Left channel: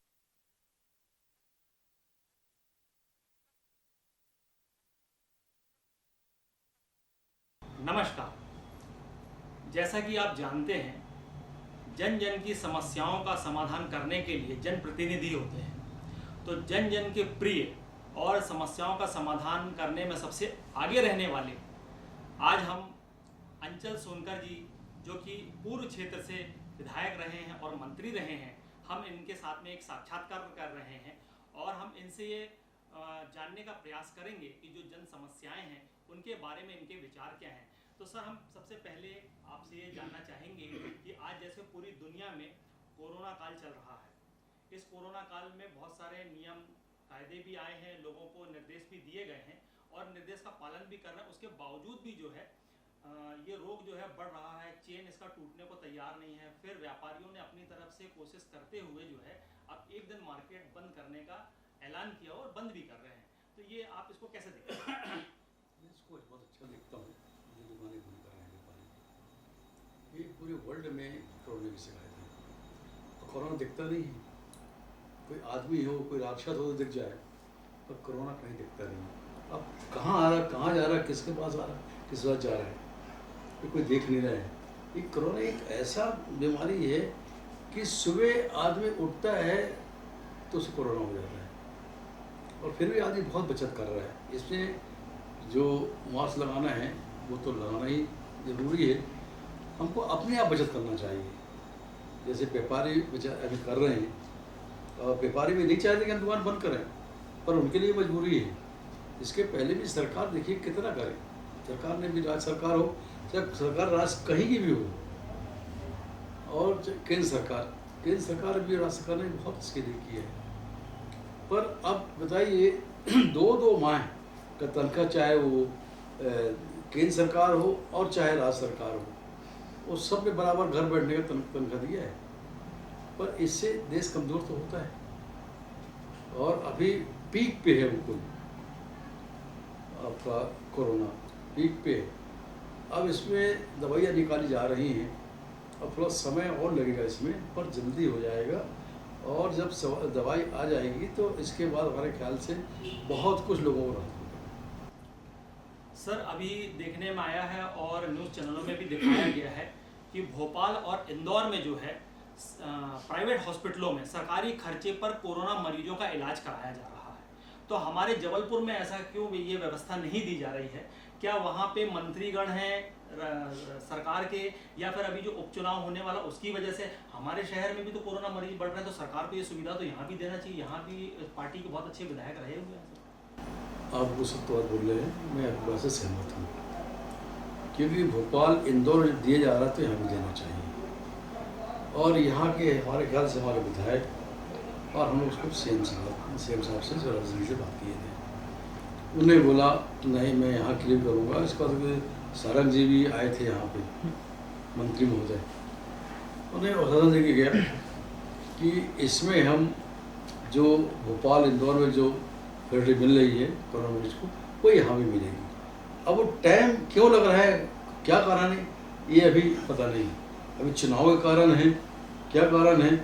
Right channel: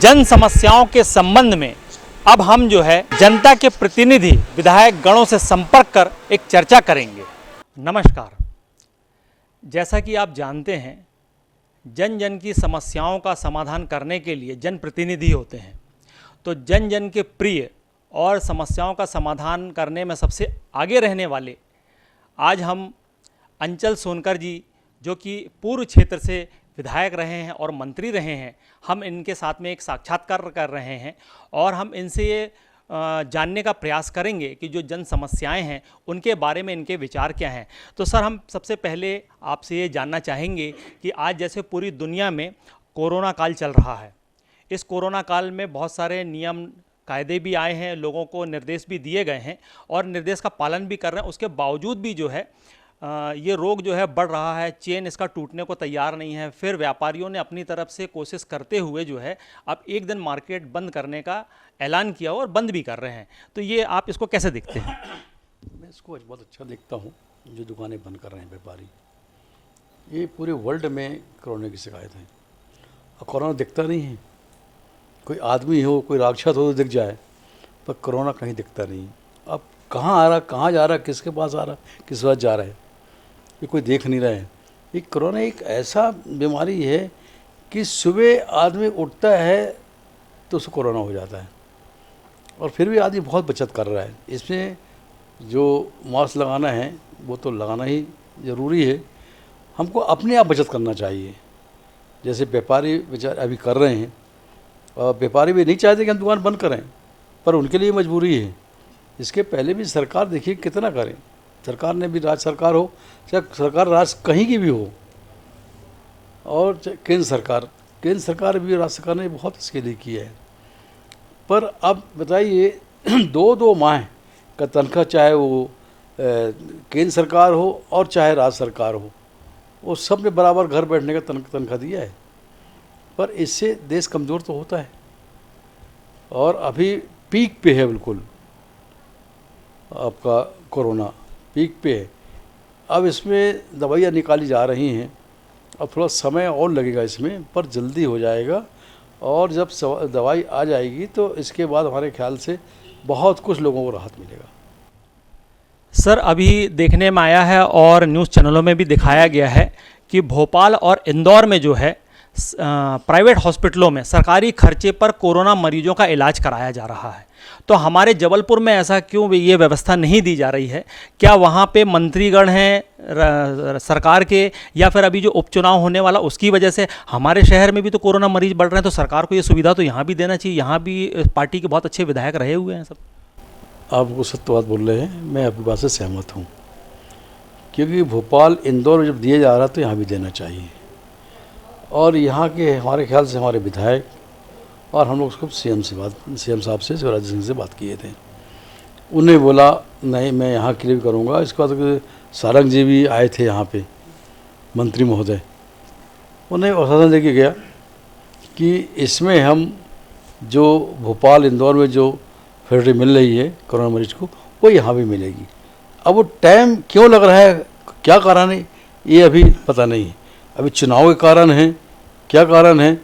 जन समस्याओं के संबंध में अब हम जो है जनता के प्रतिनिधि विधायक गणों से संपर्क कर एक चर्चा करेंगे। नमस्कार। जैसा कि आप जानते हैं, जन जन की समस्याओं का समाधान करने के लिए जनप्रतिनिधि होते हैं। तो जन जन के प्रिय और समस्याओं का समाधान करने में सबसे आगे रहने वाले आज हम अंचल सोनकर जी, जो कि पूर्व क्षेत्र से विधायक रहे हैं और मंत्री रहे हैं, हम इनके साथ में एक साक्षात्कार कर रहे हैं और हम इनसे ये जानने का प्रयास करेंगे कि जो जन समस्याएं हैं उनके बारे में इनके विचार क्या हैं। तो सर, हम सबसे पहले आपसे ये जानना चाहेंगे कि आज जैसे पूरी दुनिया में कोरोना काल चल रहा है, इस कोरोना काल में बहुत सारे नियम कायदे भी आए हैं, लोगों को निर्देश भी दिए गए हैं और निर्देश का पालन भी कर रहे हैं। उसके बावजूद भी जो है ये रोग जो है बढ़ रहा है, चेन इसका टूटने को तैयार नहीं है। फिर व्यापारियों ने अपनी तरफ से कोशिश करते हुए जो है अब एक दिन मार्केट बंद करने का ऐलान किया और बंद भी कर रहे हैं। तो ये आप इसको कैसे देखते हैं? मैं इसको बहुत अच्छा देखता हूँ। जो दुकानें बंद कर रहे हैं व्यापारी, ये पूरे वर्ल्ड में कोरोना की शिकायत है और कोरोना दिखता नहीं है। कोई आदमी हो, कोई राक्षस हो तो दिख जाए, पर कोरोना कहीं दिखता नहीं। अब कहाँ आ रहा, कहाँ जा रहा, किसके पास आ रहा, किस वक्त जा रहा है, ये कोई देख नहीं रहा है। ये कोरोना एक ऐसा बीमारी है कि सुबह आदमी उठता है तो उसको कोरोना हो जाता है और फिर भी आदमी बहुत बचत कर रहा है। इसमें जो मास्क लगाना है वो तो लगाना ही ज़रूरी है। हमको अपने आप बचत करना चाहिए। जैसे व्यापारी बेचारे अभी कर रहे हैं, और व्यापारी भी नहीं चाहते कि हम दुकान बंद करें, पर उनके लिए मजबूरी है। इसके पहले भी सरकार देखिए कितना करे। सरकार ने भी, राज्य सरकार हो चाहे सरकार राज्य कहीं की भी हो, और केंद्र सरकार भी, राज्य सरकार ने बहुत इसके लिए किया है। पर अब बताइए, दो माह का तनख्वाह, चाहे वो केंद्र सरकार हो और चाहे राज्य सरकार हो, वो सब ने बराबर घर बैठने का तनख्वाह दिया है। पर इससे देश कमज़ोर तो होता है और अभी पीक पे है, बिल्कुल आपका कोरोना पीक पे है। अब इसमें दवाइयाँ निकाली जा रही हैं, अब थोड़ा समय और लगेगा इसमें, पर जल्दी हो जाएगा। और जब दवाई आ जाएगी तो इसके बाद हमारे ख्याल से बहुत कुछ लोगों को राहत मिलेगा। सर, अभी देखने में आया है और न्यूज़ चैनलों में भी दिखाया गया है कि भोपाल और इंदौर में जो है प्राइवेट हॉस्पिटलों में सरकारी खर्चे पर कोरोना मरीजों का इलाज कराया जा रहा है। तो हमारे जबलपुर में ऐसा क्यों ये व्यवस्था नहीं दी जा रही है? क्या वहाँ पे मंत्रीगण हैं सरकार के, या फिर अभी जो उपचुनाव होने वाला उसकी वजह से? हमारे शहर में भी तो कोरोना मरीज बढ़ रहे हैं, तो सरकार को ये सुविधा तो यहाँ भी देना चाहिए। यहाँ भी पार्टी के बहुत अच्छे विधायक रहे हुए हैं सब। आप वो सत्य बात बोल रहे हैं, मैं आपकी बात से सहमत हूँ, क्योंकि भोपाल इंदौर जब दिए जा रहा तो यहाँ भी देना चाहिए। और यहाँ के हमारे ख्याल से हमारे विधायक और हम लोग उसको सीएम साहब से, शिवराज सिंह से बात किए थे। उन्हें बोला नहीं, मैं यहाँ के लिए भी करूँगा। इसके बाद सारंग जी भी आए थे यहाँ पे, मंत्री महोदय, उन्हें आश्वासन दे के गया कि इसमें हम जो भोपाल इंदौर में जो फैसिलिटी मिल रही है कोरोना मरीज को, वो यहाँ भी मिलेगी। अब वो टाइम क्यों लग रहा है, क्या कारण है, ये अभी पता नहीं है। अभी चुनाव के कारण है, क्या कारण है,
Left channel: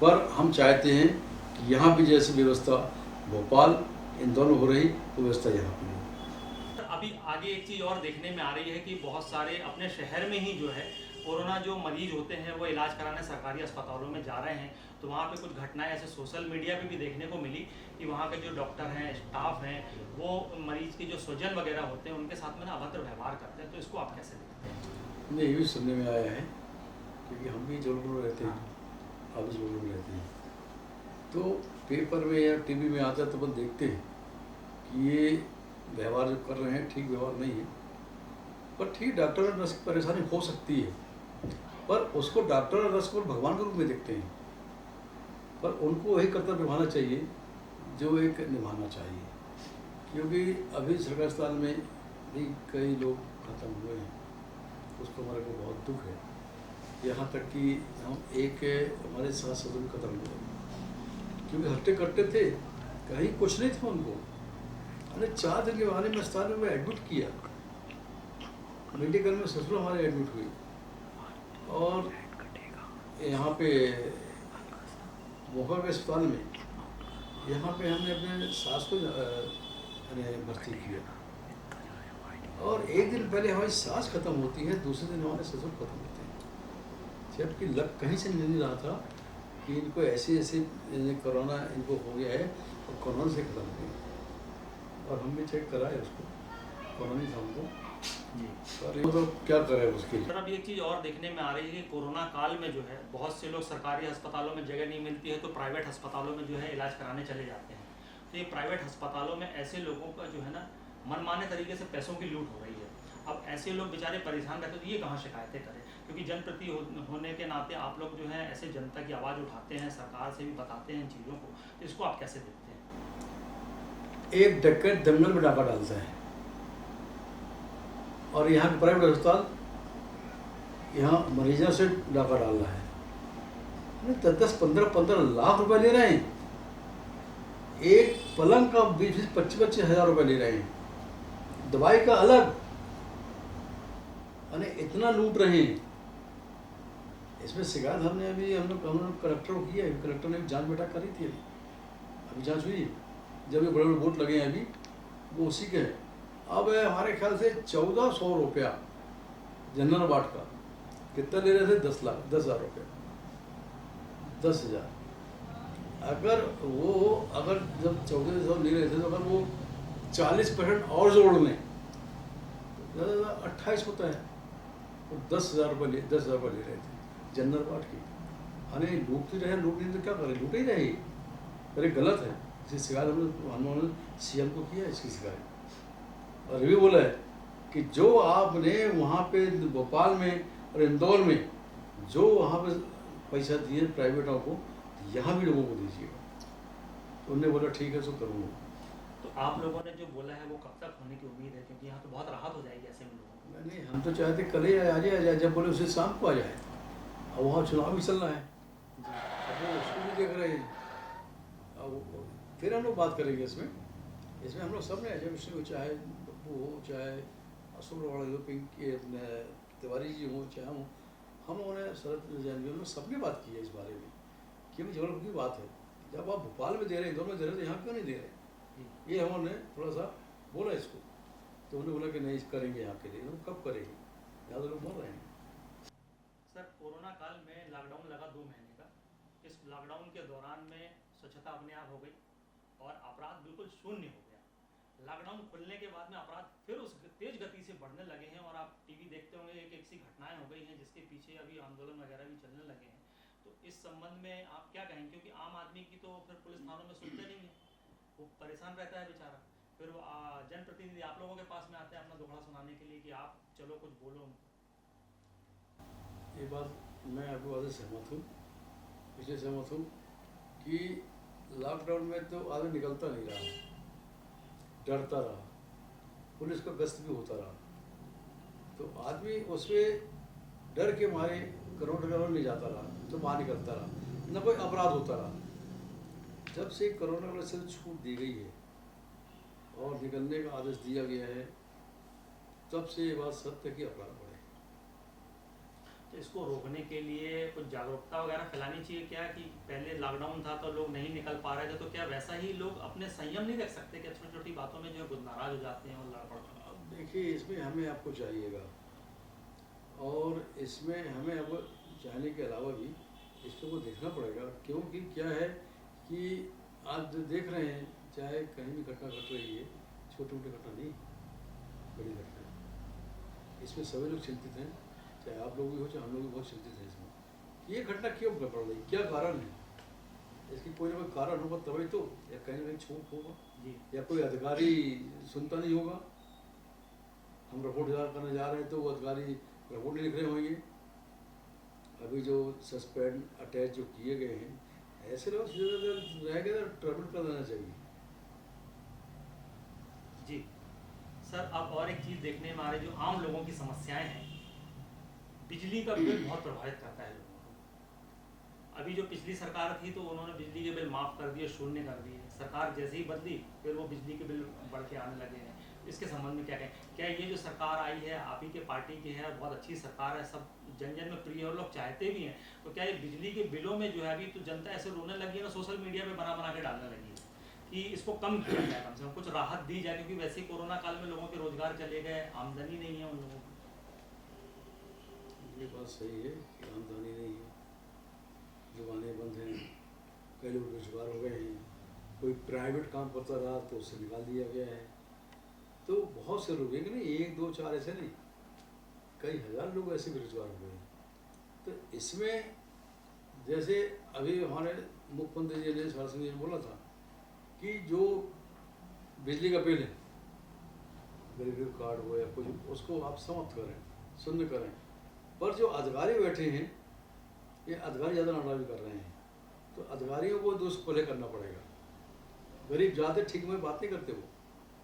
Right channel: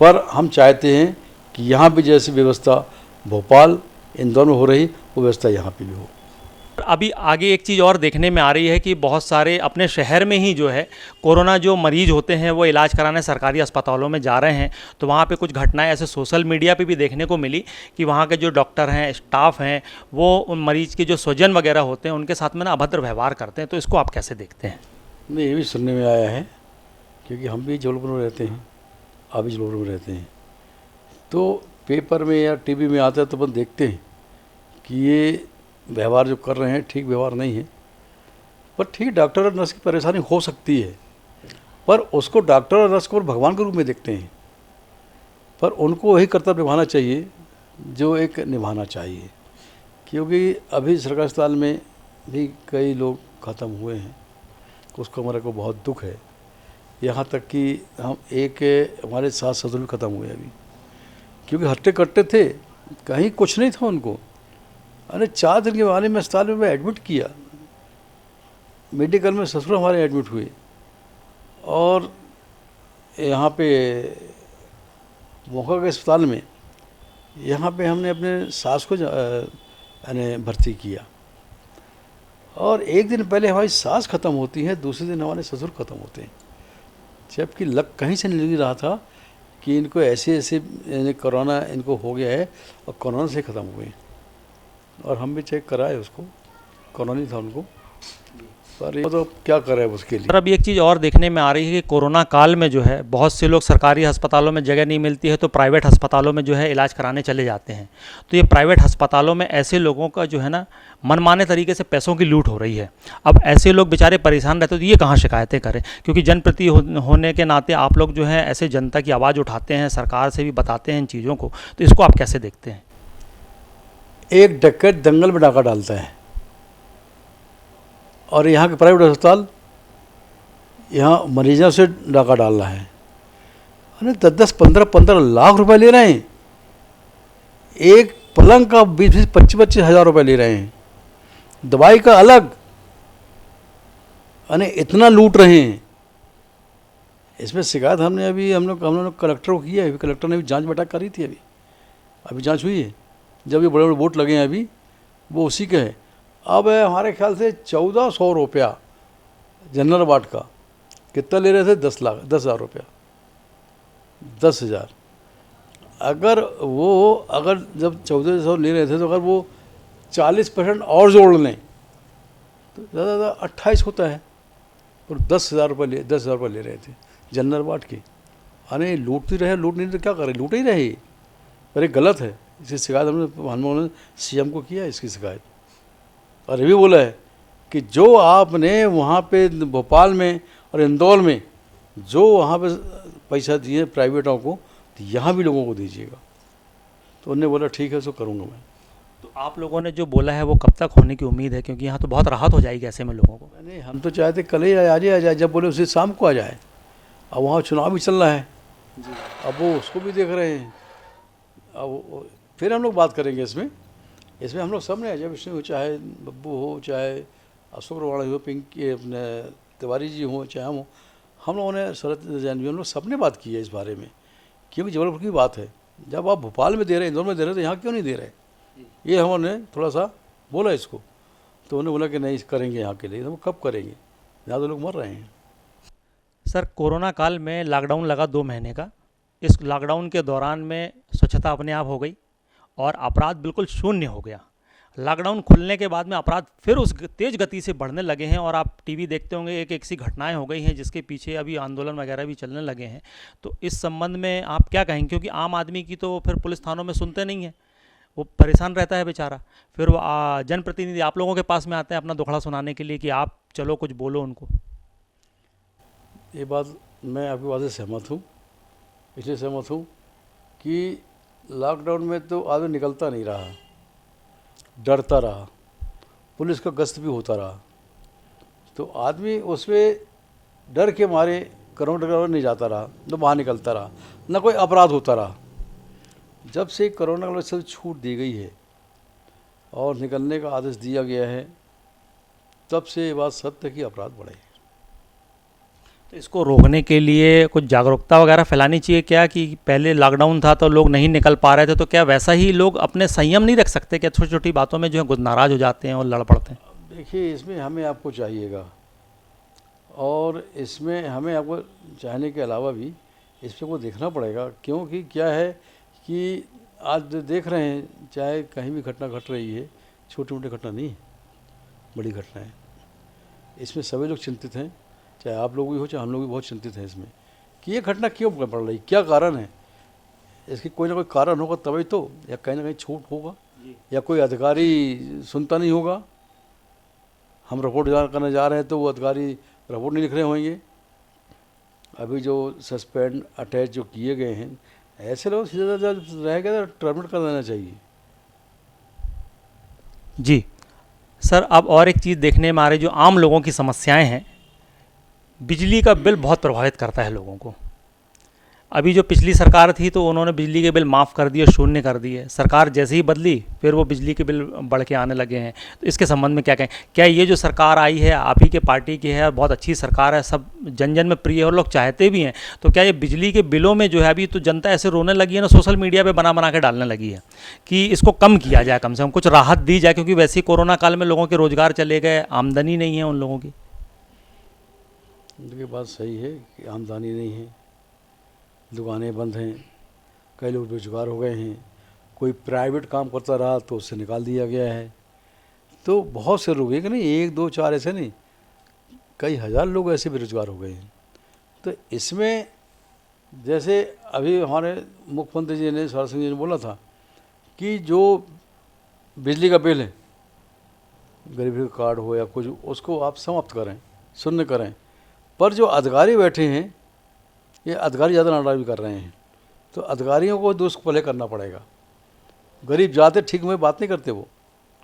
पर हम चाहते हैं कि यहाँ भी जैसी व्यवस्था भोपाल इंदौर में हो रही, वो व्यवस्था यहाँ पे भी हो। अभी आगे एक चीज़ और देखने में आ रही है कि बहुत सारे अपने शहर में ही जो है कोरोना जो मरीज होते हैं वो इलाज कराने सरकारी अस्पतालों में जा रहे हैं। तो वहाँ पे कुछ घटनाएं ऐसे सोशल मीडिया पे भी देखने को मिली कि वहाँ के जो डॉक्टर हैं, स्टाफ हैं, वो उन मरीज के जो स्वजन वगैरह होते हैं उनके साथ में ना अभद्र व्यवहार करते हैं। तो इसको आप कैसे देखते हैं? नहीं, ये भी सुनने में आया है, क्योंकि हम भी जबलपुर में रहते हैं, आप भी जबलपुर में रहते हैं, तो पेपर में या टीवी में आता है तो अपन देखते हैं कि ये व्यवहार जो कर रहे हैं ठीक व्यवहार नहीं है। पर ठीक, डॉक्टर और नर्स की परेशानी हो सकती है, पर उसको डॉक्टर और नर्स को भगवान के रूप में देखते हैं। पर उनको वही कर्तव्य निभाना चाहिए जो एक निभाना चाहिए, क्योंकि अभी सरकारी अस्पताल में भी कई लोग ख़त्म हुए हैं, उसको हमारे को बहुत दुख है। यहाँ तक कि हम एक हमारे सास ससुर भी ख़त्म हुए अभी, क्योंकि हट्टे कट्टे थे, कहीं कुछ नहीं था उनको। अरे 4 दिन के बाद में अस्पताल में मैं एडमिट किया, मेडिकल में ससुर हमारे एडमिट हुए, और यहाँ पे मोका के अस्पताल में यहाँ पे हमने अपने सास को यानी भर्ती किया, और एक दिन पहले हमारी सास ख़त्म होती है, दूसरे दिन हमारे ससुर ख़त्म होते हैं, जबकि लग कहीं से नहीं रहा था कि इनको ऐसे ऐसे यानी कोरोना इनको हो गया है और कोरोना से ख़त्म हुए। और हम भी चेक कराए, उसको कोरोना नहीं था उनको, पर ये तो क्या करें उसके लिए। सर अब एक चीज़ और देखने में आ रही है कि कोरोना काल में जो है बहुत से लोग सरकारी अस्पतालों में जगह नहीं मिलती है तो प्राइवेट अस्पतालों में जो है इलाज कराने चले जाते हैं। तो ये प्राइवेट अस्पतालों में ऐसे लोगों का जो है ना मनमाने तरीके से पैसों की लूट हो रही है। अब ऐसे लोग बेचारे परेशान रहते तो ये कहाँ शिकायतें करें, क्योंकि जनप्रति होने के नाते आप लोग जो है ऐसे जनता की आवाज़ उठाते हैं, सरकार से भी बताते हैं इन चीज़ों को, तो इसको आप कैसे देखते हैं? एक डकैत दंगल में डाका डालता है और यहाँ के प्राइवेट अस्पताल यहाँ मरीजों से डाका डाल रहा है। अरे 10-10, 15-15 लाख रुपए ले रहे हैं, एक पलंग का 20-20, 25-25 हज़ार रुपये ले रहे हैं, दवाई का अलग, अरे इतना लूट रहे हैं। इसमें शिकायत हमने अभी हम लोग कलेक्टर को किया है, अभी कलेक्टर ने भी जांच बैठक करी थी, अभी जांच हुई है। जब ये बड़े बड़े वोट लगे हैं अभी वो उसी के हैं। अब हमारे ख्याल से 1400 रुपया जनरल वार्ड का कितना ले रहे थे, 10,000 रुपया, 10,000। अगर जब 1400 ले रहे थे तो अगर वो 40% और जोड़ लें तो ज़्यादा ज़्यादा 28 होता है, और 10,000 रुपये ले रहे थे जनरल वार्ड के। अरे लूटती रहे, लूट नहीं तो क्या करें, लूट ही रहे। अरे गलत है, इसकी शिकायत हमने CM को किया है इसकी शिकायत, और ये भी बोला है कि जो आपने वहाँ पे भोपाल में और इंदौर में जो वहाँ पे पैसा दिए प्राइवेटों को, तो यहाँ भी लोगों को दीजिएगा। तो उन्होंने बोला ठीक है, सो करूँगा मैं। तो आप लोगों ने जो बोला है वो कब तक होने की उम्मीद है, क्योंकि यहाँ तो बहुत राहत हो जाएगी ऐसे में लोगों को? नहीं, हम तो चाहते कल ही आ जाए, जब बोले उसी शाम को आ जाए। अब वहाँ चुनाव भी चल रहा है, अब वो उसको भी देख रहे हैं। अब फिर हम लोग बात करेंगे इसमें हम लोग सब ने, अजय विष्णु हो, चाहे बब्बू हो, चाहे अशोक रवाड़ा हो, पिंकी अपने तिवारी जी हों, चाहे हम लोगों ने, शरद जैन भी, हम लोग सब ने बात की है इस बारे में, क्योंकि जबलपुर की बात है। जब आप भोपाल में दे रहे हैं, इंदौर में दे रहे हैं, तो यहाँ क्यों नहीं दे रहे? ये हमने थोड़ा सा बोला इसको, तो उन्होंने बोला कि नहीं करेंगे यहाँ के लिए। तो कब करेंगे, ज़्यादा लोग मर रहे हैं। सर कोरोना काल में लॉकडाउन लगा 2 महीने का। इस लॉकडाउन के दौरान में स्वच्छता अपने आप हो गई और अपराध बिल्कुल शून्य हो गया। लॉकडाउन खुलने के बाद में अपराध फिर उस तेज़ गति से बढ़ने लगे हैं, और आप टीवी देखते होंगे एक एक सी घटनाएं हो गई हैं जिसके पीछे अभी आंदोलन वगैरह भी चलने लगे हैं। तो इस संबंध में आप क्या कहेंगे, क्योंकि आम आदमी की तो फिर पुलिस थानों में सुनते नहीं हैं, वो परेशान रहता है बेचारा। फिर वो जनप्रतिनिधि आप लोगों के पास में आते हैं अपना दुखड़ा सुनाने के लिए कि आप चलो कुछ बोलो उनको। ये बात मैं आपकी बात से सहमत हूँ, इसलिए सहमत हूँ कि लॉकडाउन में तो आदमी निकलता नहीं रहा, डरता रहा, पुलिस का गश्त भी होता रहा, तो आदमी उसमें डर के मारे करोना नहीं जाता रहा, न बाहर निकलता रहा, न कोई अपराध होता रहा। जब से कोरोना की वजह से छूट दी गई है और निकलने का आदेश दिया गया है, तब से ये बात सत्य कि अपराध बढ़े। तो इसको रोकने के लिए कुछ जागरूकता वगैरह फैलानी चाहिए क्या, कि पहले लॉकडाउन था तो लोग नहीं निकल पा रहे थे, तो क्या वैसा ही लोग अपने संयम नहीं रख सकते? क्या छोटी छोटी बातों में जो है नाराज़ हो जाते हैं और लड़ पड़ते हैं? देखिए, इसमें हमें आपको चाहिएगा, और इसमें हमें आपको चाहने के अलावा भी इसमें को देखना पड़ेगा, क्योंकि क्या है कि आज देख रहे हैं चाहे कहीं भी घटना घट रही है, छोटी मोटी घटना नहीं, बड़ी घटना है। इसमें सभी लोग चिंतित हैं, चाहे आप लोग भी हो चाहे हम लोग भी बहुत चिंतित हैं इसमें, कि ये घटना क्यों पड़ रही, क्या कारण है इसकी। कोई ना कोई कारण होगा तभी तो, या कहीं ना कहीं छूट होगा, या कोई अधिकारी सुनता नहीं होगा। हम रिपोर्ट करने जा रहे हैं तो वो अधिकारी रिपोर्ट नहीं लिख रहे होंगे। अभी जो सस्पेंड अटैच जो किए गए हैं, ऐसे लोग सीधा रहेगा तो टर्मिनेट कर देना चाहिए। जी सर, अब और एक चीज़ देखने में आ रही, जो आम लोगों की समस्याएं हैं, बिजली का बिल बहुत प्रभावित करता है लोगों को। अभी जो पिछली सरकार थी तो उन्होंने बिजली के बिल माफ़ कर दिए, शून्य कर दिए। सरकार जैसे ही बदली फिर वो बिजली के बिल बढ़ के आने लगे हैं। तो इसके संबंध में क्या कहें? क्या ये जो सरकार आई है आप ही के पार्टी की है, बहुत अच्छी सरकार है, सब जन जन में प्रिय है और लोग चाहते भी हैं, तो क्या ये बिजली के बिलों में जो है अभी तो जनता ऐसे रोने लगी है ना, सोशल मीडिया पे बना बना के डालने लगी है कि इसको कम किया जाए, कम से कम कुछ राहत दी जाए, क्योंकि वैसे ही कोरोना काल में लोगों के रोजगार चले गए, आमदनी नहीं है उन लोगों की। देखिए बात सही है कि आमदनी नहीं है, दुकानें बंद हैं, कई लोग बेरोजगार हो गए हैं, कोई प्राइवेट काम करता रहा तो उससे निकाल दिया गया है। तो बहुत से लोग, एक नहीं, एक दो चार ऐसे नहीं, कई हज़ार लोग ऐसे बेरोजगार हो गए हैं। तो इसमें जैसे अभी हमारे मुख्यमंत्री जी ने, सौरभ सिंह जी ने बोला था कि जो बिजली का बिल है, गरीबी का कार्ड हो या कुछ, उसको आप समाप्त करें, शून्य करें। पर जो अधिकारी बैठे हैं, ये अधिकारी ज़्यादा नाटक भी कर रहे हैं। तो अधिकारियों को दोस्त पहले करना पड़ेगा। गरीब जाते ठीक में बात नहीं करते, वो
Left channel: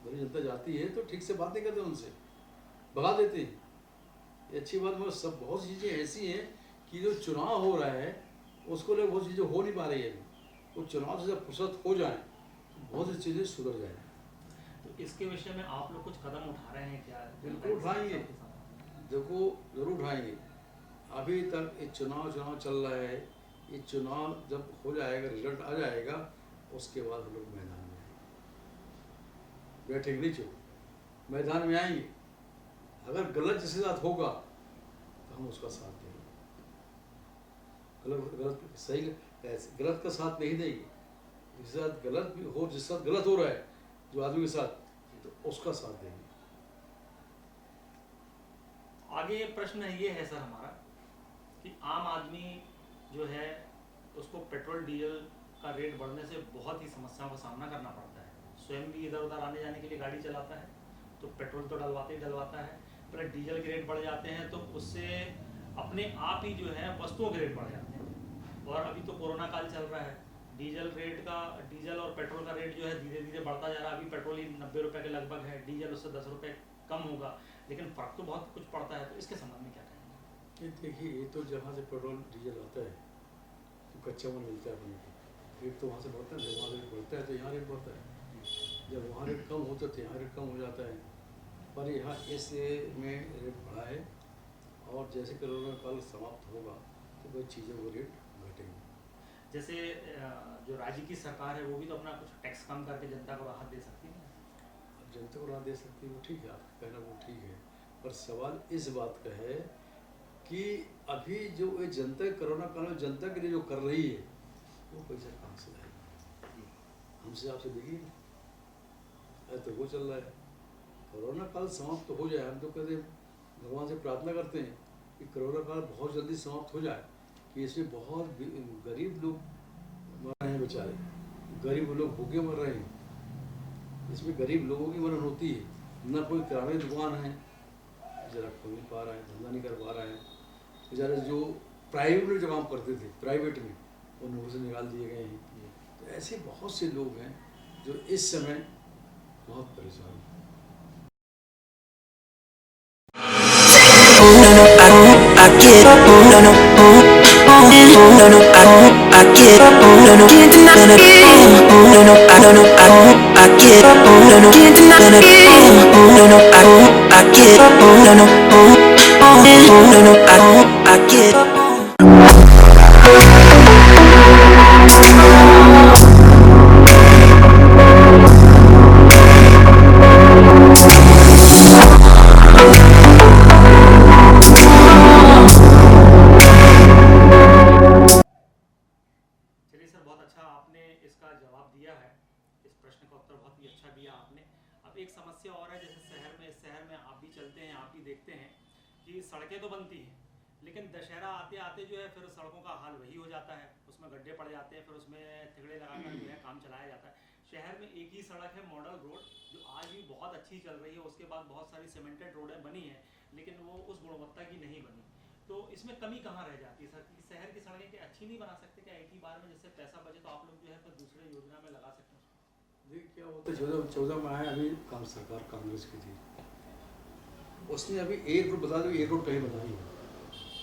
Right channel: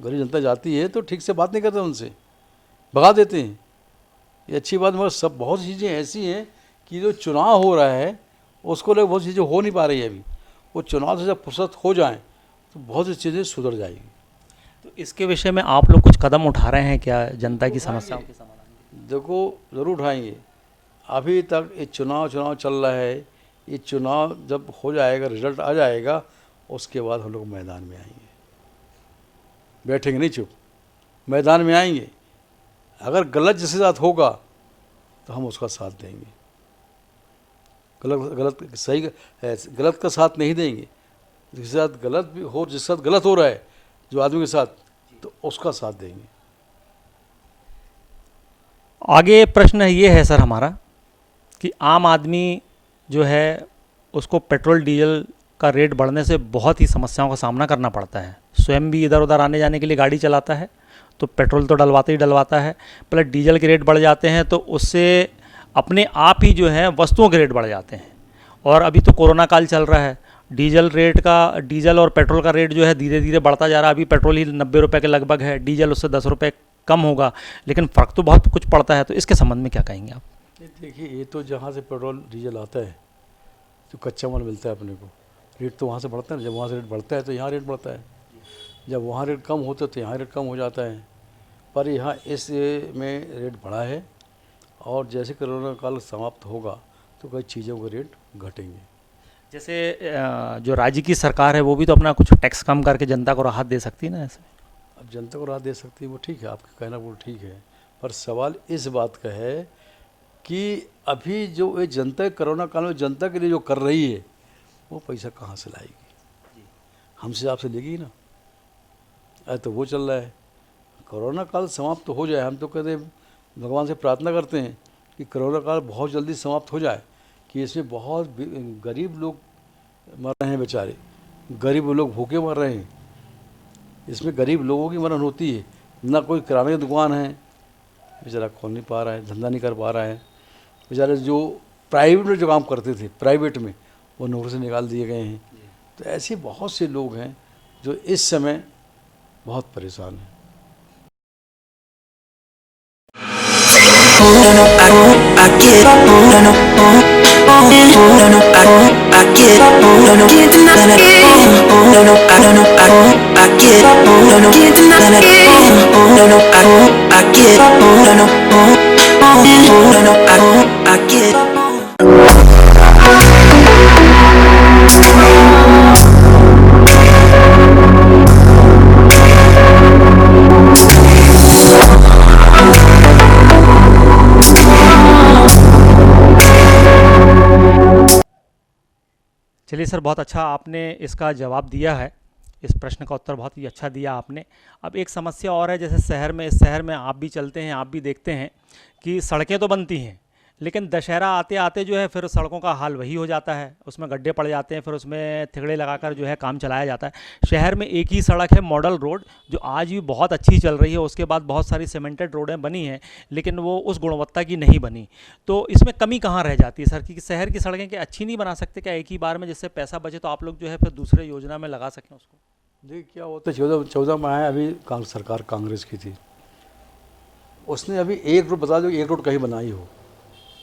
गरीब जनता जाती है तो ठीक से बात नहीं करते, उनसे भगा देते हैं। ये अच्छी बात, मगर सब बहुत सी चीज़ें ऐसी हैं कि जो चुनाव हो रहा है उसको लेकर बहुत सी चीज़ें हो नहीं पा रही है अभी। वो चुनाव से जब फुर्सत हो जाए तो बहुत सी चीज़ें सुधर जाएगी। तो इसके विषय में आप लोग कुछ कदम उठा रहे हैं क्या जनता की समस्याओं के समाधान? देखो ज़रूर उठाएंगे। अभी तक ये चुनाव चल रहा है, ये चुनाव जब हो जाएगा, रिजल्ट आ जाएगा, उसके बाद हम लोग मैदान में आएंगे, बैठेंगे नहीं चुप, मैदान में आएंगे। अगर गलत जिसके साथ होगा तो हम उसका साथ देंगे, गलत सही गलत का साथ नहीं देंगे। जिसके साथ गलत भी हो, जिसके साथ गलत हो रहा है जो आदमी के साथ, तो उसका साथ देंगे। आगे प्रश्न ये है सर हमारा कि आम आदमी जो है उसको पेट्रोल डीजल का रेट बढ़ने से बहुत ही समस्याओं का सामना करना पड़ता है। स्वयं भी इधर उधर आने जाने के लिए गाड़ी चलाता है तो पेट्रोल तो डलवाते ही डलवाता है, प्लस डीजल के रेट बढ़ जाते हैं तो उससे अपने आप ही जो है वस्तुओं के रेट बढ़ जाते हैं। और अभी तो कोरोना काल चल रहा है, डीजल और पेट्रोल का रेट जो है धीरे धीरे बढ़ता जा रहा है। अभी पेट्रोल ही 90 रुपये के लगभग है, डीजल उससे 10 रुपये कम होगा, लेकिन फ़र्क तो बहुत कुछ पड़ता है। तो इसके संबंध में क्या कहेंगे आप? देखिए, ये तो जहाँ से पेट्रोल डीजल आता है, जो कच्चा माल मिलता है अपने को, रेट तो वहाँ से बढ़ता है। जब वहाँ से रेट बढ़ता है तो यहाँ रेट बढ़ता है, जब वहाँ रेट कम होता है तो यहाँ रेट कम हो जाता है। पर यहाँ इस में रेट बढ़ा है, और जैसे कोरोना काल समाप्त होगा तो कई चीज़ों के रेट घटेंगे। जैसे जो राज्य की सरकार है वो भी तो अपना कुछ टैक्स कम करके जनता को राहत दे सकती है ना ऐसे। अब जनता को राहत दे सकती है, वो ठीक है, आपका कहना वो ठीक है। पर सवाल इस बात का है कि अभी जो ये जनता कोरोना काल में जनता के लिए जो कर रही है, वो पैसा कहाँ से लाएगी? हमसे आपसे लेगी ना। अरे तो वो चल रहा है, कोरोना काल समाप्त तो हो जाए। हम तो कहते हैं, भगवान से प्रार्थना करते हैं कि कोरोना काल बहुत जल्दी समाप्त हो जाए, कि इसमें बहुत गरीब लोग मर रहे हैं, बेचारे गरीब लोग भूखे मर रहे हैं। इसमें गरीब लोगों की मरण होती है। ना कोई किराने की दुकान है, बेचारा खोल नहीं पा रहा है, धंधा नहीं कर पा रहा है। बेचारे जो प्राइवेट में जो काम करते थे, प्राइवेट में, वो नौकरी से निकाल दिए गए हैं। तो ऐसे बहुत से लोग हैं जो इस समय बहुत परेशान हैं। No, no, I get up, no, no, no, no, I get up, no, no, can't deny it, no, no, I get up, no, no, can't deny it, no, no, I get up, no, no, no, I get up. चलिए sir, बहुत अच्छा आपने इसका जवाब दिया है, इस प्रश्न का उत्तर बहुत ही अच्छा दिया आपने। अब एक समस्या और है, जैसे इस शहर में आप भी चलते हैं, आप भी देखते हैं कि सड़कें तो बनती हैं, लेकिन दशहरा आते आते जो है फिर सड़कों का हाल वही हो जाता है, उसमें गड्ढे पड़ जाते हैं, फिर उसमें थिगड़े लगाकर जो है काम चलाया जाता है। शहर में एक ही सड़क है, मॉडल रोड, जो आज भी बहुत अच्छी चल रही है। उसके बाद बहुत सारी सीमेंटेड रोडें बनी हैं, लेकिन वो उस गुणवत्ता की नहीं बनी। तो इसमें कमी कहाँ रह जाती है सर, कि शहर की सड़कें क्या अच्छी नहीं बना सकते क्या एक ही बार में, जिससे पैसा बचे तो आप लोग जो है फिर दूसरे योजना में लगा सकें उसको? देखिए क्या होता है, 14 में आया, अभी सरकार कांग्रेस की थी, उसने अभी एक रोड बता दो, एक रोड कहीं बनाई हो,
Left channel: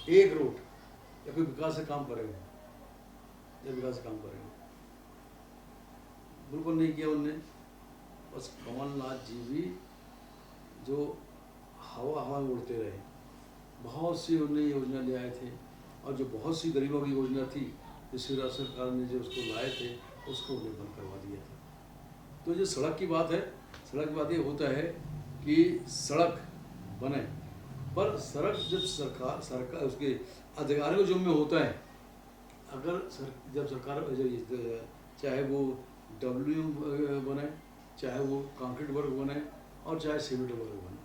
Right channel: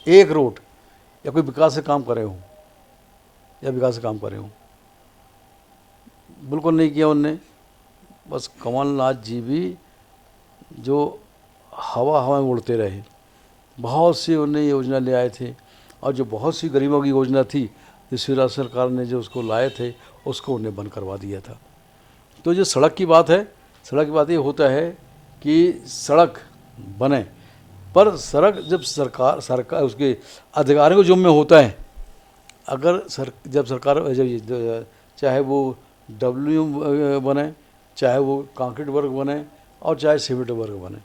एक रोड या कोई विकास से काम करे हो, या विकास का काम करे हों, बिल्कुल नहीं किया उनने। बस कमलनाथ जी भी जो हवा में उड़ते रहे। बहुत सी उन्हें योजना ले आए थे, और जो बहुत सी गरीबों की योजना थी जो शिवराज सरकार ने जो उसको लाए थे उसको उन्हें बंद करवा दिया था। तो जो सड़क की बात है, सड़क की बात ये होता है कि सड़क बने, पर सड़क जब सरकार उसके अधिकारियों को जिम्मे होता है। अगर जब सरकार चाहे वो डब्ल्यू बने, चाहे वो कंक्रीट वर्क बने, और चाहे सीमेंट वर्क बने,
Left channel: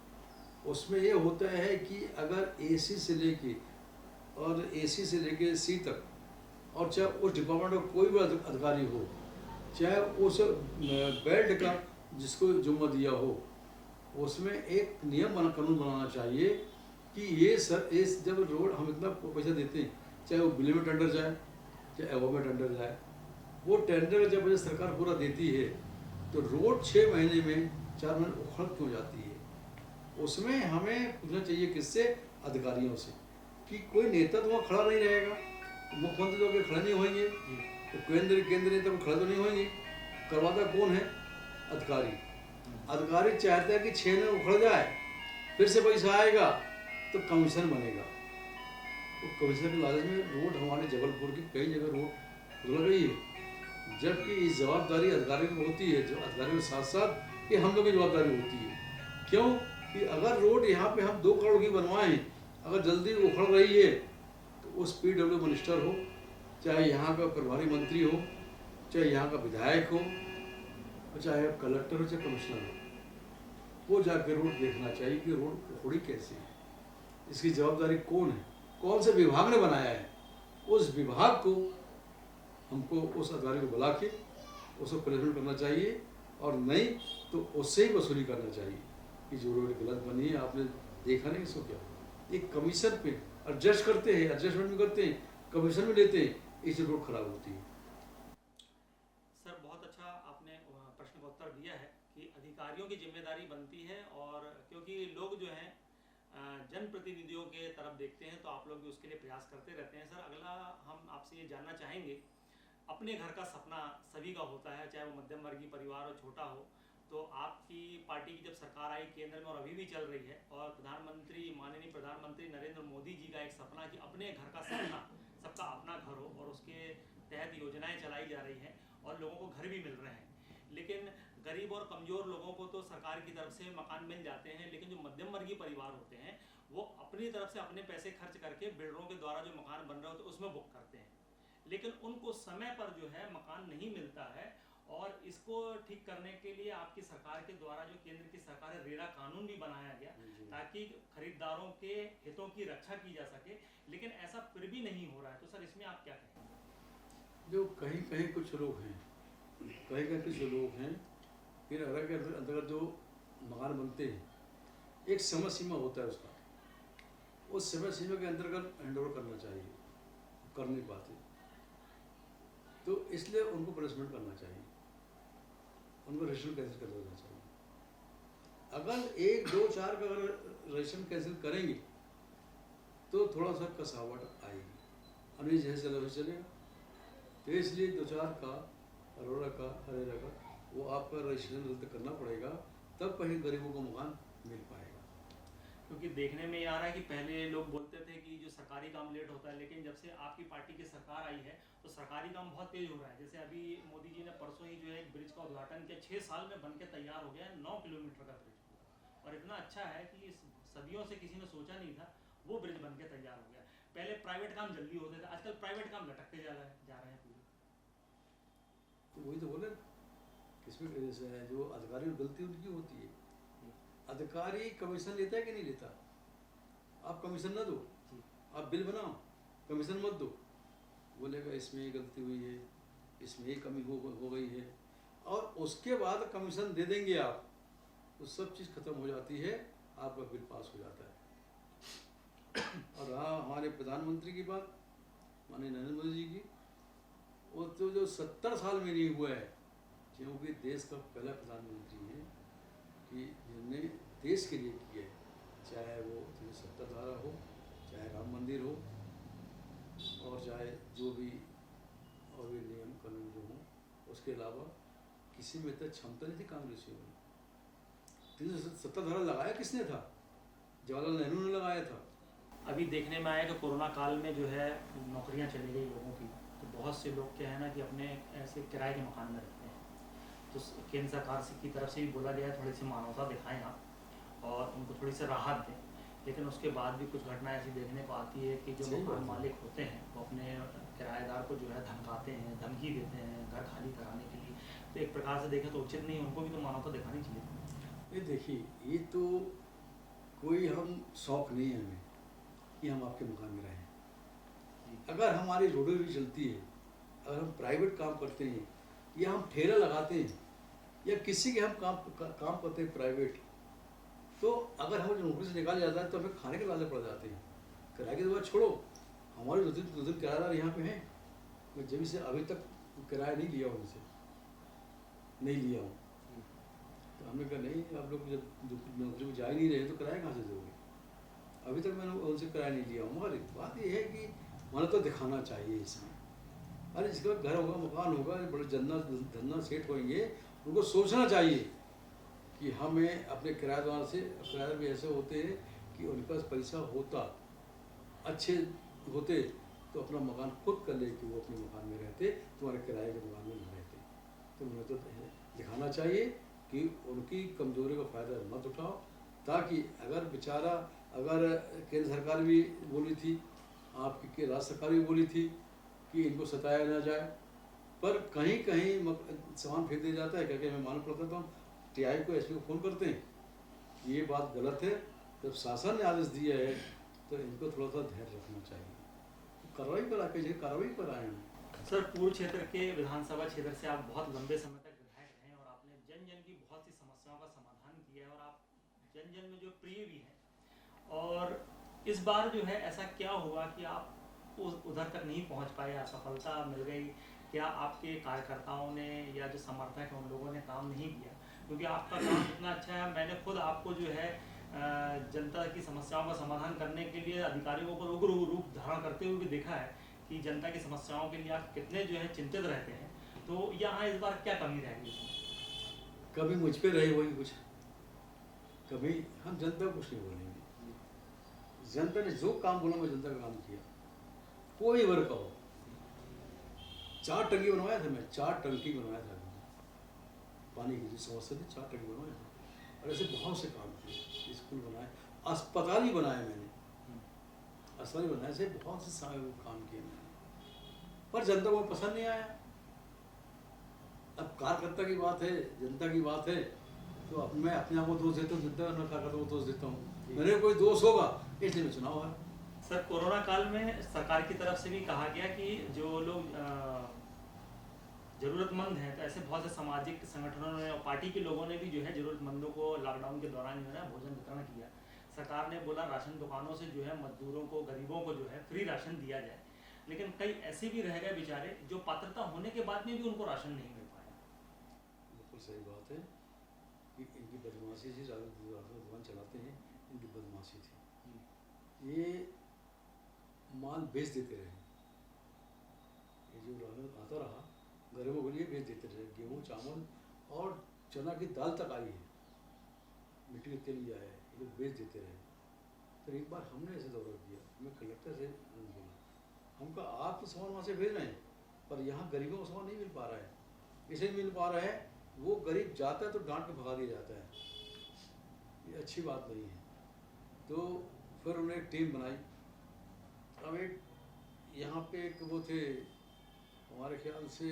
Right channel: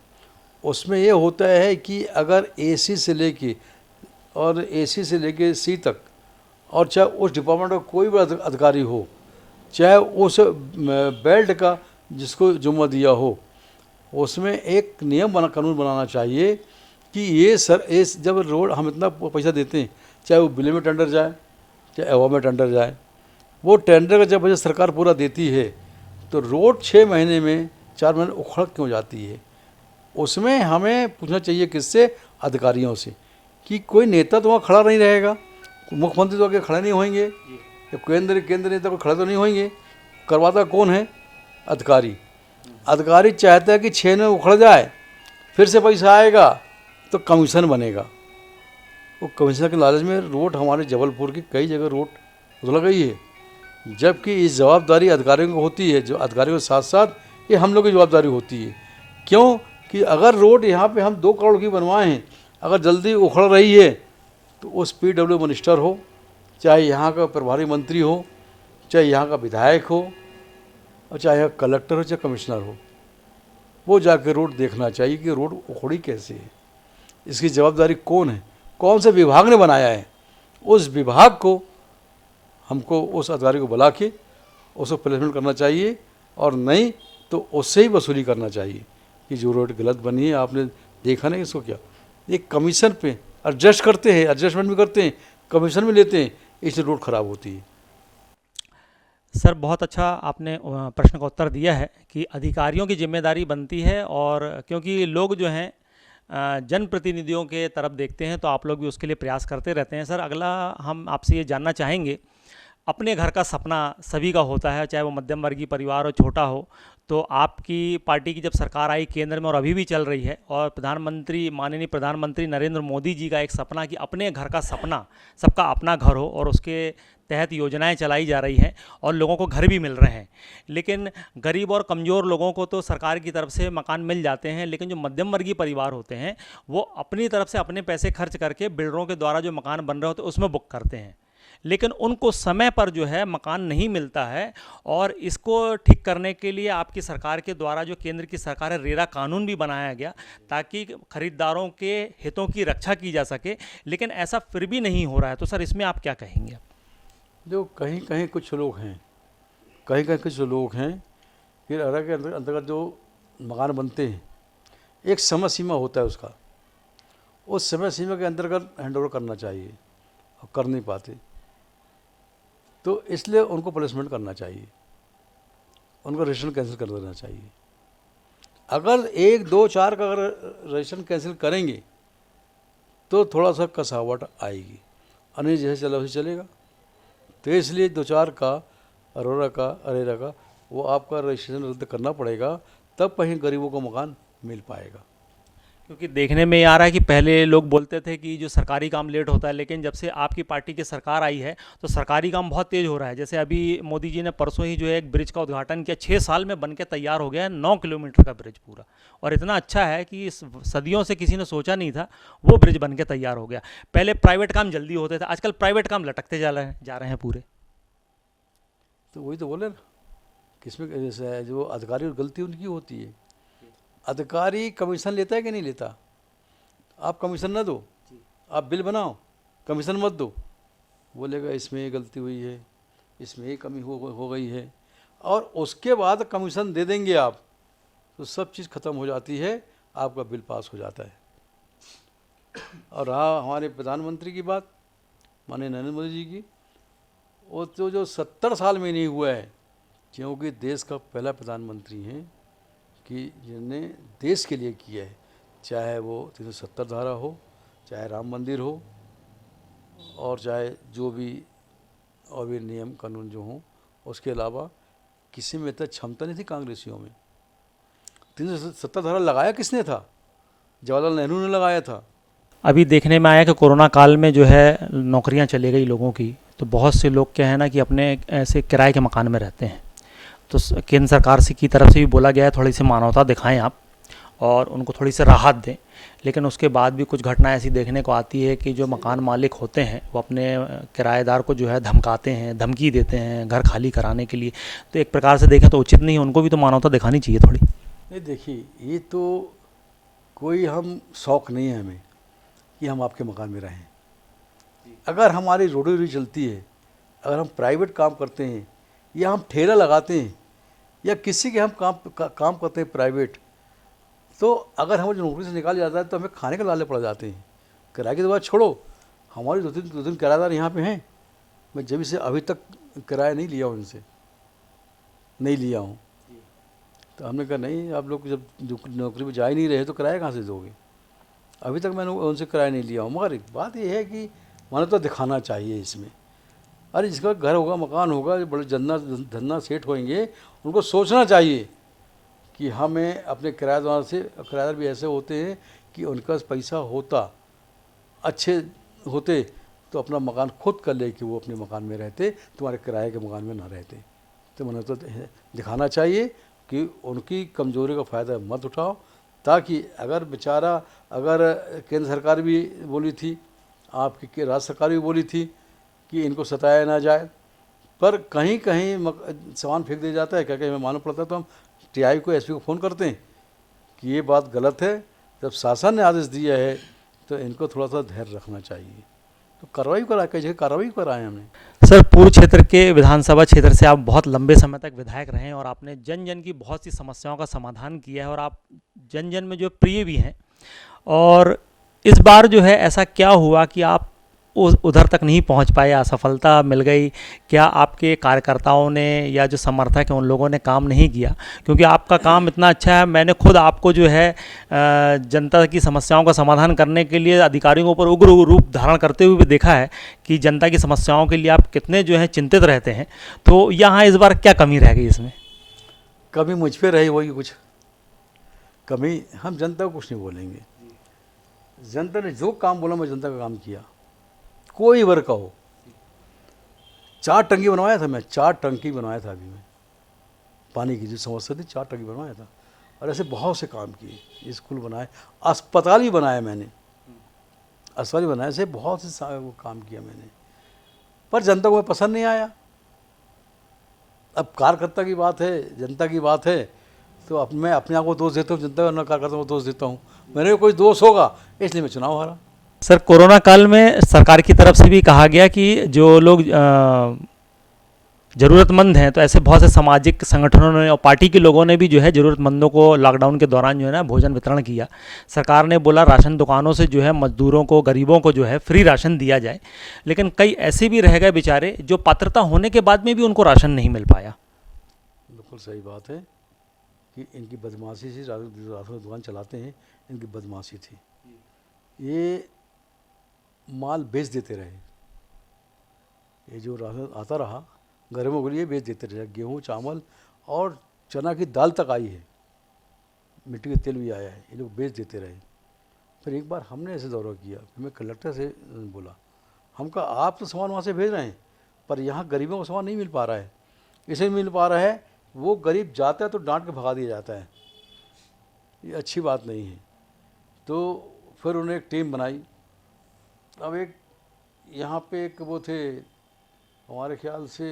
उसमें ये होता है कि अगर एसी से लेके सी तक, और चाहे उस डिपार्टमेंट का कोई भी अधिकारी हो, चाहे उस बेल्ट का जिसको जुम्मा दिया हो, उसमें एक नियम कानून बनाना चाहिए कि ये जब रोड हम इतना पैसा देते हैं, चाहे वो बिल में टेंडर जाए, चाहे अवार्ड में टेंडर जाए, वो टेंडर का जब पैसा सरकार पूरा देती है तो रोड 6 महीने में 4 महीने उखड़ क्यों जाती है। उसमें हमें पूछना चाहिए किससे, अधिकारियों से, कि कोई नेता तो वहाँ खड़ा नहीं रहेगा, मुख्यमंत्री तो आगे खड़े नहीं होंगे, तो केंद्र नेता को खड़े तो नहीं होंगे। करवाता कौन है, अधिकारी चाहता है कि 6 में उखड़ जाए, फिर से पैसा आएगा तो कमीशन बनेगा। वो कमीशन के लालच में रोड हमारे जबलपुर की कई जगह रोड उधड़ गई है, जबकि इस जवाबदारी अधिकारियों को होती है। जो अधिकारियों के साथ साथ ये हम लोग की जवाबदारी होती है। क्यों कि अगर रोड यहाँ पे हम 2 करोड़ की बनवाए हैं, अगर जल्दी उखड़ रही है तो उस PW मिनिस्टर हो, चाहे यहाँ का प्रभारी मंत्री हो, चाहे यहाँ का विधायक हो, और चाहे कलेक्टर हो, चाहे कमिश्नर हो, वो जाकर रोड देखना चाहिए कि रोड उखड़ी कैसे है, इसकी जवाबदारी कौन है, कौन से विभाग ने बनाया है। उस विभाग को हमको उस अधिकारी को बुला के उसको प्लेसमेंट करना चाहिए, और नहीं तो उससे ही वसूली करना चाहिए कि जो रोड गलत बनी है, आपने देखा नहीं इसको क्या, एक कमीशन पे एडजस्ट करते हैं, एडजस्टमेंट भी करते हैं, कमीशन भी लेते हैं, इसलिए रोड ख़राब होती है। सर बहुत अच्छा आपने प्रश्न का उत्तर दिया है कि अधिकारियों की जिम्मेदारी बनती है, और क्योंकि लोग जो हैं जनप्रतिनिधियों के तरफ देखते हैं, तो आप लोग भी उसके लिए प्रयास करते रहते हैं। सर अगला हम आपसे ये जानना चाहेंगे, अपने घर का सपना सभी का होता है, चाहे वो मध्यम वर्गीय परिवार हो, छोटा हो। तो आपकी पार्टी की जब सरकार आई केंद्र में और अभी भी चल रही है, और माननीय प्रधानमंत्री नरेंद्र मोदी जी का एक सपना कि अपने घर का सपना, सबका अपना घर हो, और उसके तहत योजनाएं चलाई जा रही हैं और लोगों को घर भी मिल रहे हैं। लेकिन गरीब और कमज़ोर लोगों को तो सरकार की तरफ से मकान मिल जाते हैं, लेकिन जो मध्यम वर्गीय परिवार होते हैं वो अपनी तरफ से अपने पैसे खर्च करके बिल्डरों के द्वारा जो मकान बन रहे होते हैं उसमें बुक करते हैं, लेकिन उनको समय पर जो है मकान नहीं मिलता है। और इसको ठीक करने के लिए आपकी सरकार के द्वारा, जो केंद्र की सरकार है, रेरा कानून भी बनाया गया ताकि खरीदारों के हितों की रक्षा की जा सके, लेकिन ऐसा फिर भी नहीं हो रहा है। तो सर इसमें आप क्या कहेंगे? जो कहीं कहीं कुछ लोग हैं, फिर रेरा के अंतर्गत जो मकान बनते हैं, एक समय सीमा होता है उसका, उस समय सीमा के अंतर्गत हैंडओवर करना चाहिए, और कर नहीं पाते, तो इसलिए उनको प्लेसमेंट करना चाहिए, उनका रजिस्ट्रेशन कैंसिल कर देना चाहिए। अगर 1, 2, 4 का अगर रजिस्ट्रेशन कैंसिल करेंगे तो थोड़ा सा कसावट आएगी, अनिल जैसे चला वैसे चलेगा। तो इसलिए 2-4 का रेरा का वो आपका रजिस्ट्रेशन रद्द करना पड़ेगा, तब कहीं गरीबों को मकान मिल पाएगा। क्योंकि देखने में ये आ रहा है कि पहले लोग बोलते थे कि जो सरकारी काम लेट होता है, लेकिन जब से आपकी पार्टी की सरकार आई है तो सरकारी काम बहुत तेज़ हो रहा है। जैसे अभी मोदी जी ने परसों ही जो है एक ब्रिज का उद्घाटन किया, 6 साल में बन के तैयार हो गया है, 9 किलोमीटर का ब्रिज पूरा, और इतना अच्छा है कि सदियों से किसी ने सोचा नहीं था, वो ब्रिज बन के तैयार हो गया। पहले प्राइवेट काम जल्दी होते थे, आजकल प्राइवेट काम लटकते जा रहे हैं पूरे। तो वही तो बोले ना, किसमें जैसे है, जो अधिकारी और गलती उनकी होती है। अधिकारी कमीशन लेता है कि नहीं लेता? आप कमीशन ना दो, आप बिल बनाओ, कमीशन मत दो, बोलेगा इसमें ये गलती हुई है, इसमें ये कमी हो गई है, और उसके बाद कमीशन दे देंगे आप, तो सब चीज़ ख़त्म हो जाती है, आपका बिल पास हो जाता है। और रहा हमारे प्रधानमंत्री की बात, माननीय नरेंद्र मोदी जी की, वो तो जो 70 साल में नहीं हुआ है, क्योंकि देश का पहला प्रधानमंत्री हैं कि जिन्होंने देश के लिए किया है, चाहे वो 370 धारा हो, चाहे राम मंदिर हो, और चाहे जो भी और भी नियम कानून जो हों। उसके अलावा किसी में इतना क्षमता नहीं थी कांग्रेसियों में। 370 धारा लगाया किसने था? जवाहरलाल नेहरू ने लगाया था। अभी देखने में आया कि कोरोना काल में जो है नौकरियां चली गई लोगों की, तो बहुत से लोग क्या है ना कि अपने ऐसे किराए के मकान में रहते हैं। तो केंद्र सरकार से की तरफ से भी बोला गया है थोड़ी सी मानवता दिखाएं आप और उनको थोड़ी सी राहत दें, लेकिन उसके बाद भी कुछ घटना ऐसी देखने को आती है कि जो मकान मालिक होते हैं वो अपने किराएदार को जो है धमकाते हैं, धमकी देते हैं घर खाली कराने के लिए। तो एक प्रकार से देखें तो उचित नहीं है, उनको भी तो मानवता दिखानी चाहिए थोड़ी। नहीं, देखिए, ये तो कोई हम शौक़ नहीं है हमें कि हम आपके मकान में रहें। अगर हमारी रोटी रोटी चलती है, अगर हम प्राइवेट काम करते हैं या हम ठेला लगाते हैं या किसी के हम काम करते हैं प्राइवेट, तो अगर हमें नौकरी से निकाल जाता है तो हमें खाने के लाले पड़ जाते हैं। किराए की तो बात छोड़ो, हमारी दो तीन किराएदार यहाँ पे हैं। मैं जब से अभी तक किराया नहीं लिया हूँ, इनसे नहीं लिया हूँ। तो हमने कहा नहीं, आप लोग जब नौकरी पर जा ही नहीं रहे तो किराया कहाँ से दोगे? अभी तक मैंने उनसे किराया नहीं लिया हूँ। मगर बात यह है कि मानवता दिखाना चाहिए इसमें। अरे जिसका घर होगा, मकान होगा, बड़े धन्ना सेठ होंगे, उनको सोचना चाहिए कि हमें अपने किराएदार से, किराएदार भी ऐसे होते हैं कि उनके पास पैसा होता, अच्छे होते तो अपना मकान खुद कर ले कि वो अपने मकान में रहते, तुम्हारे किराए के मकान में ना रहते। तो मैंने तो दिखाना चाहिए कि उनकी कमज़ोरी का फ़ायदा मत उठाओ, ताकि अगर बेचारा, अगर केंद्र सरकार भी बोली थी, आपकी राज्य सरकार भी बोली थी कि इनको सताया ना जाए, पर कहीं कहीं सामान फेंक दिया जाता है। क्या क्या हमें मालूम पड़ता है तो हम टीआई को, एसपी को फ़ोन करते हैं कि ये बात गलत है। जब शासन ने आदेश दिया है तो इनको थोड़ा सा धैर्य रखना चाहिए। तो कार्रवाई करा, कई जगह कार्रवाई कराए हमने। सर, पूर्व क्षेत्र के विधानसभा क्षेत्र से आप बहुत लंबे समय तक विधायक रहे हैं और आपने जन जन की बहुत सी समस्याओं का समाधान किया है और आप जन जन में जो प्रिय भी हैं। और इस बार जो है ऐसा क्या हुआ कि आप उधर तक नहीं पहुंच पाए, असफलता मिल गई? क्या आपके कार्यकर्ताओं ने या जो समर्थक हैं उन लोगों ने काम नहीं किया? क्योंकि आपका काम इतना अच्छा है, मैंने खुद आपको जो है जनता की समस्याओं का समाधान करने के लिए अधिकारियों पर उग्र रूप धारण करते हुए भी देखा है कि जनता की समस्याओं के लिए आप कितने जो है चिंतित रहते हैं। तो यहाँ इस बार क्या कमी रह गई इसमें? कमी मुझ पर रही होगी कुछ कमी, हम जनता को कुछ नहीं बोलेंगे। जनता ने जो काम बोला, मैं जनता का काम किया, कोई वर्ग का हो। 4 टंकी बनवाया था मैं, 4 टंकी बनवाया था। अभी मैं पानी की जो समस्या थी, 4 टंकी बनवाया था। और ऐसे बहुत से काम किए, स्कूल बनाए, अस्पताल भी बनाया मैंने, अस्पताल भी बनाए, ऐसे बहुत से काम किया मैंने। पर जनता को पसंद नहीं आया। अब कार्यकर्ता की बात है, जनता की बात है, तो अब मैं अपने आप को दोष देता हूँ, जनता को कार्यकर्ता को दोष देता हूँ। मेरे कोई दोष होगा इसलिए मैं चुनाव हारा। सर, कोरोना काल में सरकार की तरफ से भी कहा गया कि जो लोग ज़रूरतमंद हैं, तो ऐसे बहुत से सामाजिक संगठनों ने और पार्टी के लोगों ने भी जो है ज़रूरतमंदों को लॉकडाउन के दौरान जो है ना भोजन वितरण किया। सरकार ने बोला राशन दुकानों से जो है मजदूरों को, गरीबों को जो है फ्री राशन दिया जाए, लेकिन कई ऐसे भी रह गए बेचारे जो पात्रता होने के बाद में भी उनको राशन नहीं मिल पाया। बिल्कुल सही बात है कि इनकी बदमाशी से राशन दुकान चलाते हैं, इनकी बदमाशी थी। ये माल बेच देते रहे, ये जो राशन आता रहा गरीबों के लिए बेच देते रहे। गेहूँ, चावल और चना की दाल तक आई है, मिट्टी का तेल भी आया है, ये लोग बेच देते रहे। फिर एक बार हमने ऐसे दौरा किया, फिर मैं कलेक्टर से बोला, हम कहा आप तो सामान वहाँ से भेज रहे हैं पर यहाँ गरीबों को सामान नहीं मिल पा रहा है। इसे मिल पा रहा है, वो गरीब जाता है तो डांट के भगा दिया जाता है, ये अच्छी बात नहीं है। तो फिर उन्होंने एक टीम बनाई। अब एक यहाँ पे एक वो थे, हमारे ख्याल से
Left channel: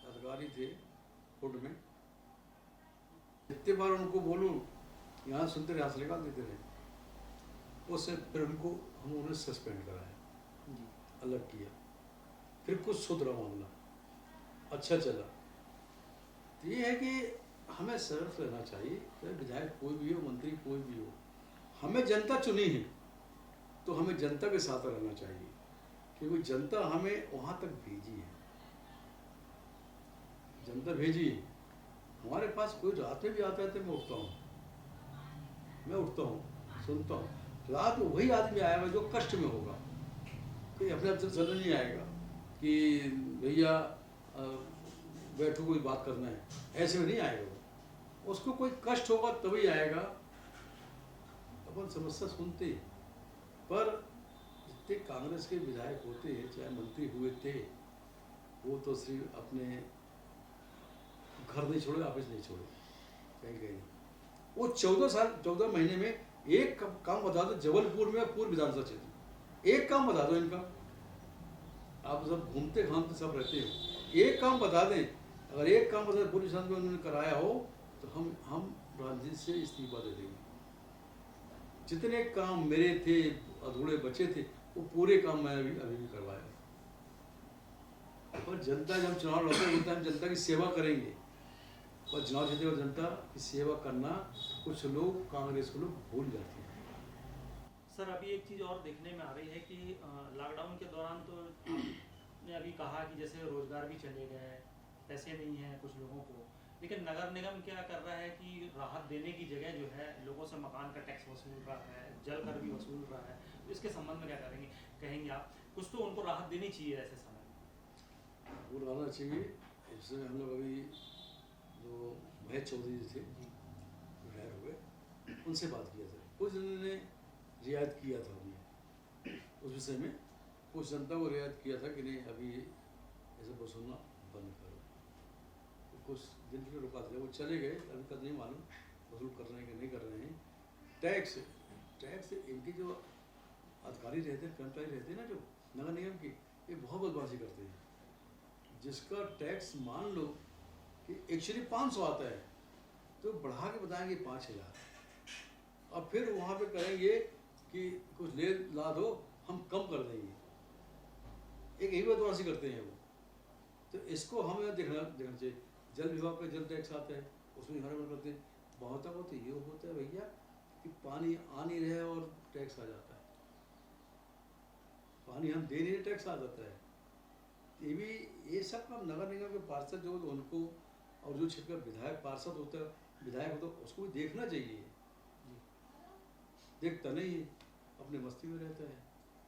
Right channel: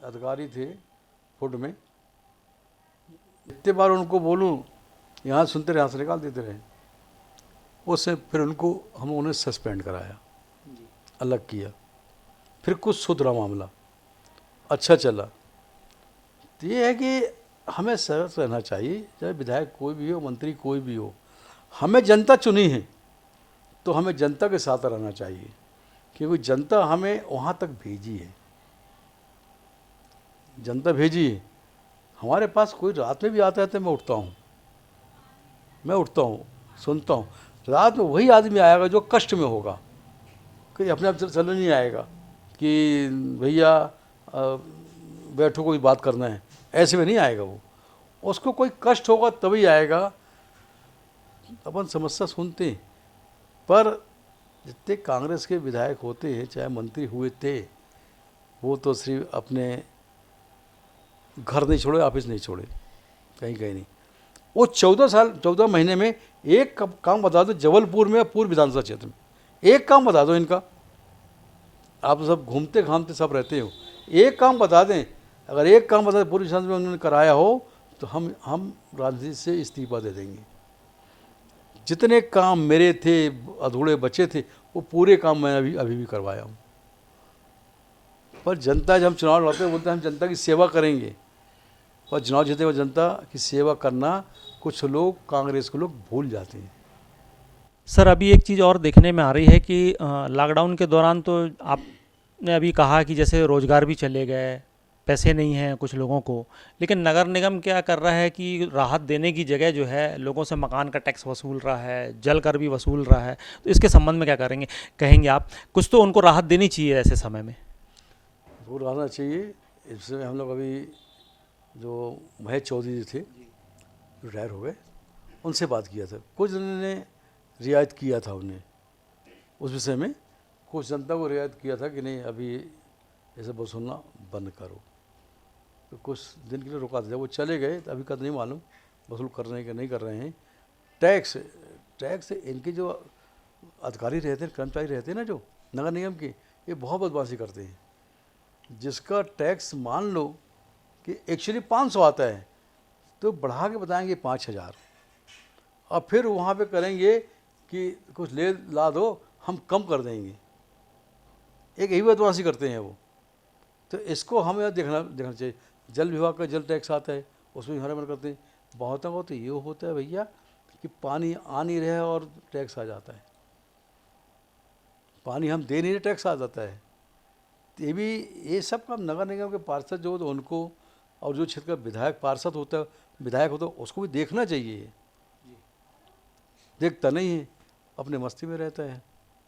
अधिकारी थे फूड में, इतने बार उनको बोलूँ यहाँ सुनते रहे, यहाँ से निकाल देते रहे। उससे फिर हम उन्हें सस्पेंड कराया, अलग किया। फिर कुछ सुधरा मामला, अच्छा चला। तो ये है कि हमें सतर्क रहना चाहिए, चाहे विधायक कोई भी हो, मंत्री कोई भी हो। हमें जनता चुनी है तो हमें जनता के साथ रहना चाहिए, क्योंकि जनता हमें वहाँ तक भेजी है, जनता भेजी है। हमारे पास कोई रात में भी आता है तो मैं उठता हूँ, सुनता हूँ। रात में वही आदमी आएगा जो कष्ट में होगा, कोई अपने आप चल नहीं आएगा। कि भैया बैठो कोई बात करना है, ऐसे में नहीं आएगा वो। उसको कोई कष्ट होगा तभी आएगा। अपन समस्या सुनते हैं, पर जितने कांग्रेस के विधायक होते हैं चाहे मंत्री हुए थे, वो तो सिर्फ अपने घर नहीं छोड़े, ऑफिस नहीं छोड़े, कहीं कहीं नहीं। वो 14 महीने में एक काम बता दो, जबलपुर में पूर्व विधानसभा क्षेत्र में एक काम बता दो इनका। आप तो सब घूमते घामते सब रहते हो, एक काम बता दें। अगर एक काम बता दें पूर्व विधानसभा में उन्होंने कराया हो तो हम राजनीति से इस्तीफा दे देंगे। जितने काम मेरे थे अधूरे बचे थे वो पूरे काम मैं अभी भी करवाया हूँ। पर जनता जब हम चुनाव लड़ते हैं बोलते हैं हम जनता की सेवा करेंगे, और चुनाव जीते हुए जनता की सेवा करना कुछ लोग कांग्रेस के लोग भूल जाते हैं। सर अभी एक चीज़ और देखने में आ रही है कि लॉकडाउन के दौरान तो आपने अभी कहा कि जैसे रोज़गार भी चले गए, पैसे नहीं हैं कुछ लोगों को, लेकिन नगर निगम क्या कर रहा है कि राहत देने की जगह जो है लोगों से मकान का टैक्स वसूल रहा है, जल कर भी वसूल रहा है। तो इसके संबंध में क्या कहेंगे आप? कुछ तो उनको राहत देनी चाहिए ऐसे समय में। वो रहना चाहिए। इसमें हम लोग अभी जो महेश चौधरी जी थे, रिटायर हो गए, उनसे बात किया था। कुछ ने रियायत किया था उन्हें उस विषय में, कुछ जनता को रियायत किया था कि नहीं अभी ऐसे वसूलना बंद करो। तो कुछ दिन के लिए रुका दिया, वो चले गए। अभी का नहीं मालूम वसूल कर रहे हैं कि नहीं कर रहे हैं। टैक्स इनके जो अधिकारी रहते हैं, कर्मचारी रहते हैं ना जो नगर निगम के, ये बहुत बदमाशी करते हैं। जिसका टैक्स मान लो कि एक्चुअली 500 आता है तो बढ़ा के बताएंगे 5000, और फिर वहाँ पे करेंगे कि कुछ ले ला दो हम कम कर देंगे। एक यही बदमाशी करते हैं वो। तो इसको हमें देखना चाहिए। जल विभाग का जल टैक्स आता है, उसमें हमारे मन करते हैं। बहुतों को तो ये होता है भैया कि पानी आ नहीं रहा है और टैक्स आ जाता है, पानी हम दे नहीं रहे टैक्स आ जाता है। ये सब काम नगर निगम के पार्षद जो तो उनको, और जो क्षेत्र का विधायक पार्षद होता है, विधायक होता है, उसको भी देखना चाहिए। देखता नहीं है, अपने मस्ती में रहता है,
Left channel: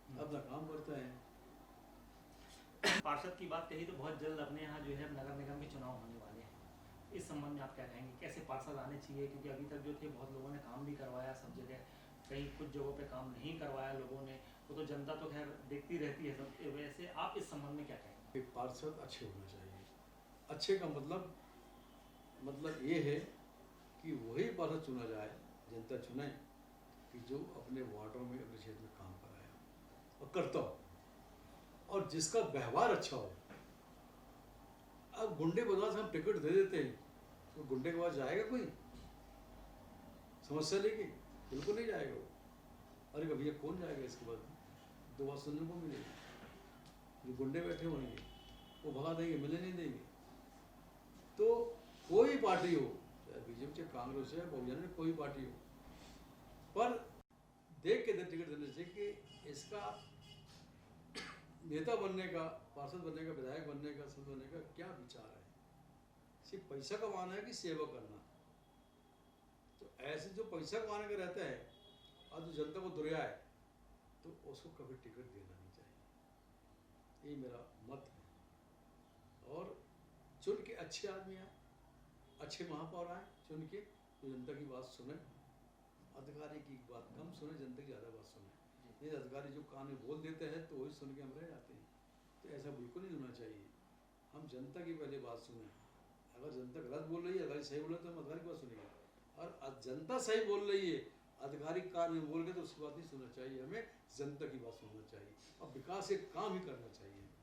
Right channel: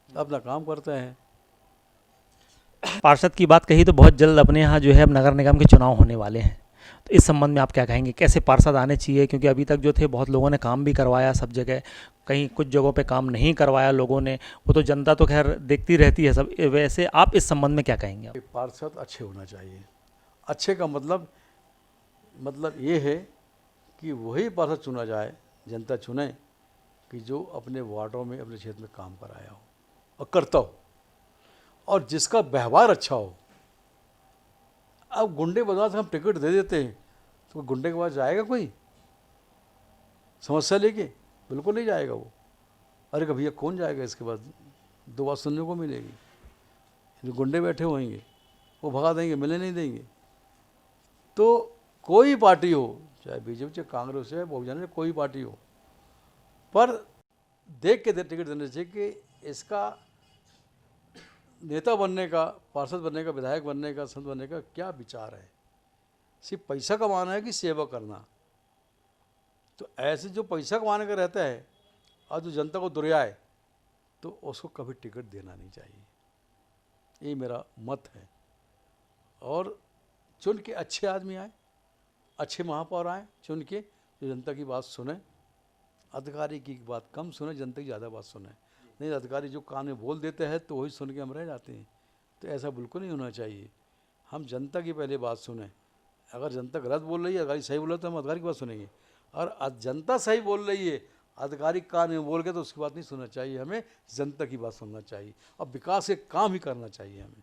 अपना काम करता है। पार्षद की बात कही तो बहुत जल्द अपने यहाँ जो है अब नगर निगम के चुनाव होने वाले हैं, तो इस संबंध में आप क्या कहेंगे? कैसे पार्षद आने चाहिए? क्योंकि अभी तक जो थे बहुत लोगों ने काम भी करवाया सब जगह, कहीं कुछ जगहों पे काम नहीं करवाया लोगों ने, वो तो जनता तो खैर देखती रहती है सब। वैसे आप इस संबंध में क्या कहेंगे? कि पार्षद अच्छे होना चाहिए। अच्छे का मतलब ये है कि वही पार्षद चुना जाए, जनता चुने कि जो अपने वार्डों में अपने क्षेत्र में काम कराया हो और करता हो, और जिसका व्यवहार अच्छा हो। अब गुंडे बदमाश हम टिकट दे देते हैं तो गुंडे के पास जाएगा कोई समस्या लेके? बिल्कुल नहीं जाएगा वो। अरे का भैया कौन जाएगा इसके बाद? दो बात सुनने को मिलेगी। जो गुंडे बैठे होंगे वो भगा देंगे, मिलने नहीं देंगे। तो कोई पार्टी हो, चाहे बीजेपी चाहे कांग्रेस चाहे बहुजन, कोई पार्टी हो, पर देख के टिकट देने चाहिए कि इसका नेता बनने का, पार्षद बनने का, विधायक बनने का, संत बनने का क्या विचार है। सिर्फ पैसा कमाना है कि सेवा करना? तो ऐसे जो पैसा कमाने का रहता है और जो जनता को दुर्याए, तो उसको कभी टिकट देना नहीं चाहिए। ये मेरा मत है। और चुन के अच्छे आदमी आए, अच्छे महापौर आए चुन के, जो जनता की बात सुने, अधिकारी की बात कम सुने, जनता की ज़्यादा बात सुने। नहीं, अधिकारी जो कान में बोल देते हैं तो वही सुन के हम रह जाते हैं। तो ऐसा बिल्कुल नहीं होना चाहिए। हम जनता की पहले बात सुने। अगर जनता गलत बोल रही है, अधिकारी सही बोल रहा है, तो हम अधिकारी की बात सुनेंगे। और जनता सही बोल रही है, अधिकारी कान में बोल के, तो उसकी बात नहीं सुनना चाहिए। हमें जनता की बात सुनना चाहिए और विकास के काम ही करना चाहिए हमें।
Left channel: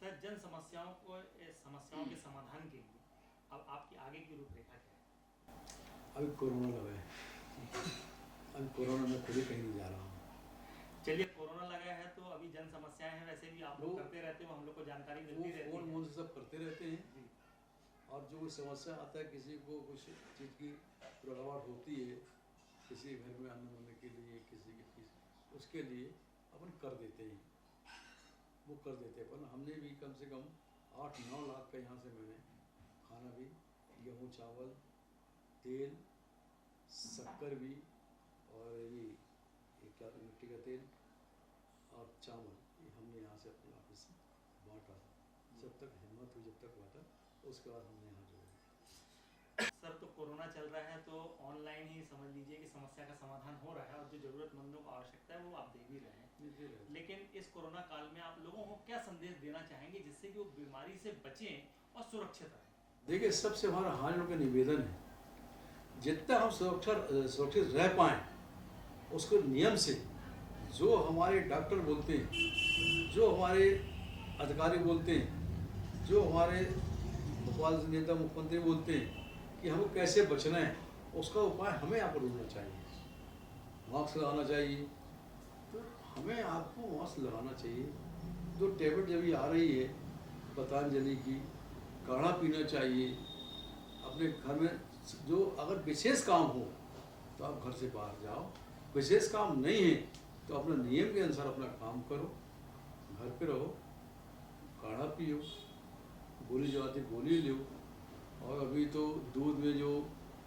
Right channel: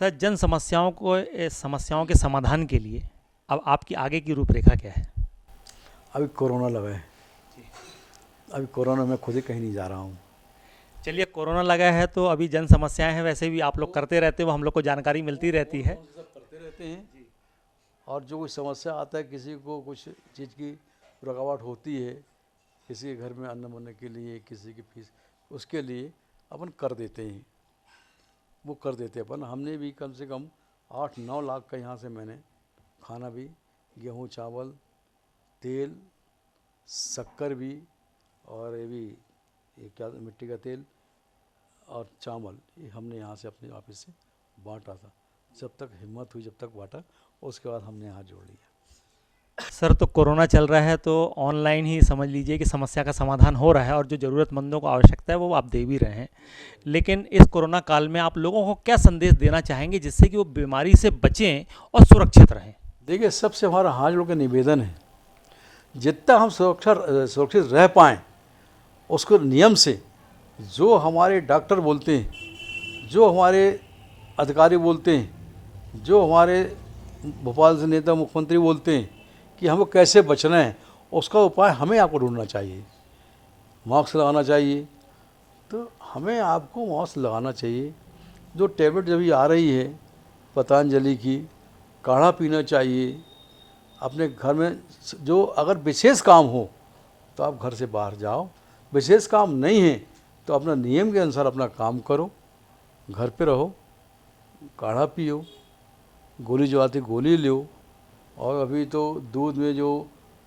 सर जन समस्याओं के समाधान के लिए अब आपकी आगे की रूपरेखा क्या है? अभी कोरोना लगा है, अभी कोरोना में खुद ही कहीं नहीं जा रहा हूँ। चलिए, कोरोना लगा है तो अभी जन समस्याएं हैं, वैसे भी आप लोग करते रहते हो, हम लोग को जानकारी मिलती रहती है। सब करते रहते हैं। और जो कोई समस्या आता है, किसी को कुछ चीज़ की रुकावट होती है, किसी के घर में अन्न बनने के लिए, किसी की फीस, उसके लिए अपन कर देते हैं, वो कर देते हैं अपन। हमने भी कम से कम 8-9 लाख का यहाँ से मैंने खाना भी, गेहूँ, चावल, तेल, शक्कर भी, और ये भी ये क्या मिट्टी का तेल और चावल, ये हमने यहाँ से अपने ऑफिस से बांटा था। जब तक हिम्मत हुई, जब तक बांटा, उसके बाद हमने हाथ जोड़ लिया। सर, तो कोरोना चल रहा है तो ऑनलाइन ही समझ लीजिए कि समस्या का समाधान हो रहा है और जो ज़रूरतमंदों को आवश्यकता है वो आप दे भी रहे हैं। लेकिन इस कोरोना काल में आप लोगों को क्या संदेश देना चाहेंगे जिससे कि वो बीमारी से बचें और सुरक्षित रहें? देखिए, सबसे हमारा हाथ जोड़ के निवेदन है, जितना हम सुरक्षित रह पाएँ उसको नियम से, जो हमारे डॉक्टर बोलते हैं, जो हमारे अधिकारी बोलते हैं, जो हमारे भोपाल से नेता मुख्यमंत्री बोलते हैं कि हमको कैसे बचना है, उसका उपाय हमें आपको ढूंढना चाहिए। मास्क लगाना चाहिए, तो हमें आपको मास्क लगाना चाहिए। जो टैबलेट जब ये आ रही है पतंजलि की, काढ़ा पीना चाहिए। अपने घर में जो अगर विशेष काम हो तो आप घर से बाहर जाओ, विशेष काम नहीं है तो अपना नियम के अनुसार अपना काम करो, घर पे रहो, काढ़ा पियो, गोली जो आती गोली लो। और अभी तो दूध में जो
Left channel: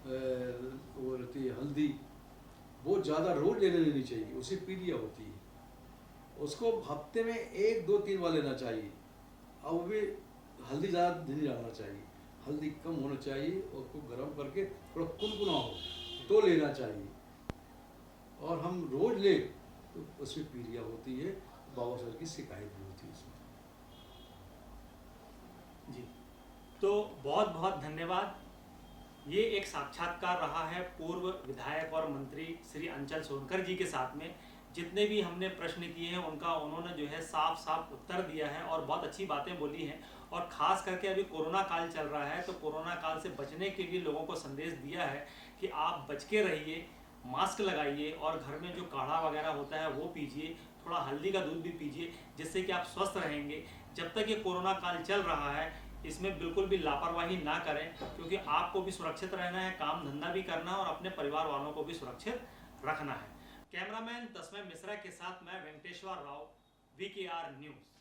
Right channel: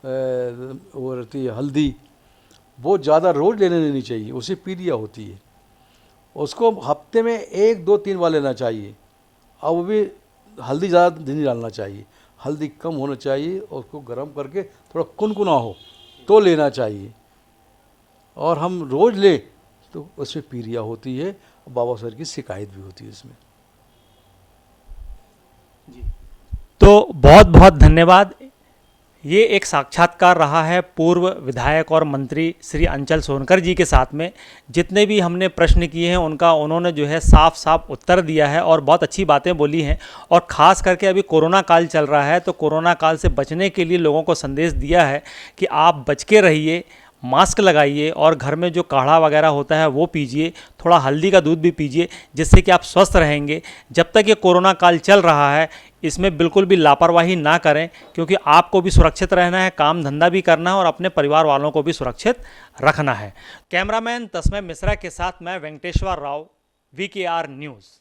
वो रहती है हल्दी, वो ज़्यादा रोज़ लेने नहीं चाहिए, उसे पीलिया होती है, उसको हफ्ते में 1, 2, 3 बार लेना चाहिए। और वो भी हल्दी ज़्यादा नहीं डालना चाहिए, हल्दी कम होना चाहिए, और उसको गर्म करके थोड़ा कुनकुना हो तो लेना चाहिए। और हम रोज़ ले तो उसमें पीलिया होती है, बाबा सर की शिकायत भी होती है इसमें। तो बहुत बहुत धन्यवाद। ये एक साक्षात्कार रहा है पूर्व विधायक और मंत्री श्री अंचल सोनकर जी के साथ में। जितने भी हमने प्रश्न किए हैं उनका उन्होंने जो है साफ साफ उत्तर दिया है और बहुत अच्छी बातें बोली हैं। और ख़ास करके अभी कोरोना काल चल रहा है तो कोरोना काल से बचने के लिए लोगों को संदेश दिया है कि आप बच के रहिए, मास्क लगाइए और घर में जो काढ़ा वगैरह होता है वो पीजिए, थोड़ा हल्दी का दूध भी पीजिए, जिससे कि आप स्वस्थ रहेंगे। जब तक ये कोरोना काल चल रहा है इसमें बिल्कुल भी लापरवाही ना करें, क्योंकि आपको भी सुरक्षित रहना है, काम धंधा भी करना है और अपने परिवार वालों को भी सुरक्षित रखना है। कैमरामैन तस्मय मिश्रा के साथ मैं वेंकटेश्वर राव, VKR न्यूज़।